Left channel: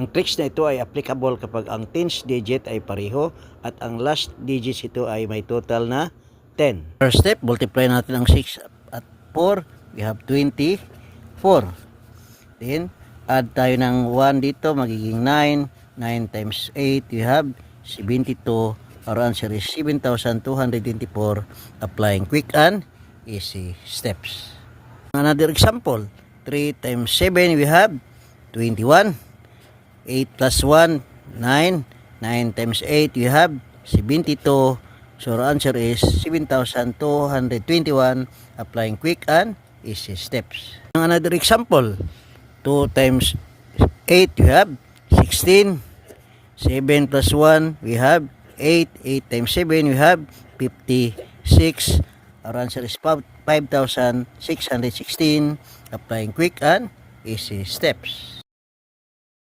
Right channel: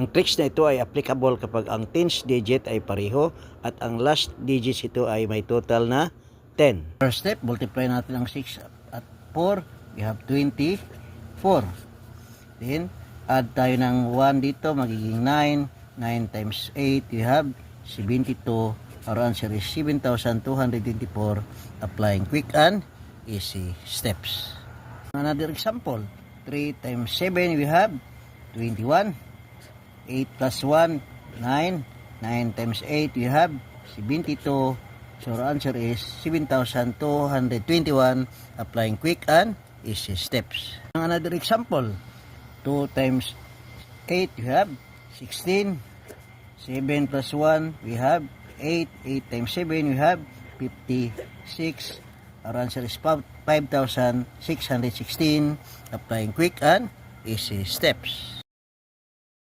Ang tricks na ito ay applicable kapag ang tens digit ay pareho at ang last digits ito ay may total na 10. First step, multiply natin ang 6 at 4. We have 24. Then, add tayo ng 1 dito, magiging 9. 9 times 8, we have 72. Our answer is 7,224. Applying quick and easy steps. Another example, 3 times 7, we have 21. 8 plus 1, 9. 9 times 8, we have 72. So our answer is 7,221. Applying quick and easy steps. Another example, 2 times 8, we have 16. 7 plus 1, we have 8. 8 times 7, we have 56. Our answer is 5,616. Applying quick and easy steps.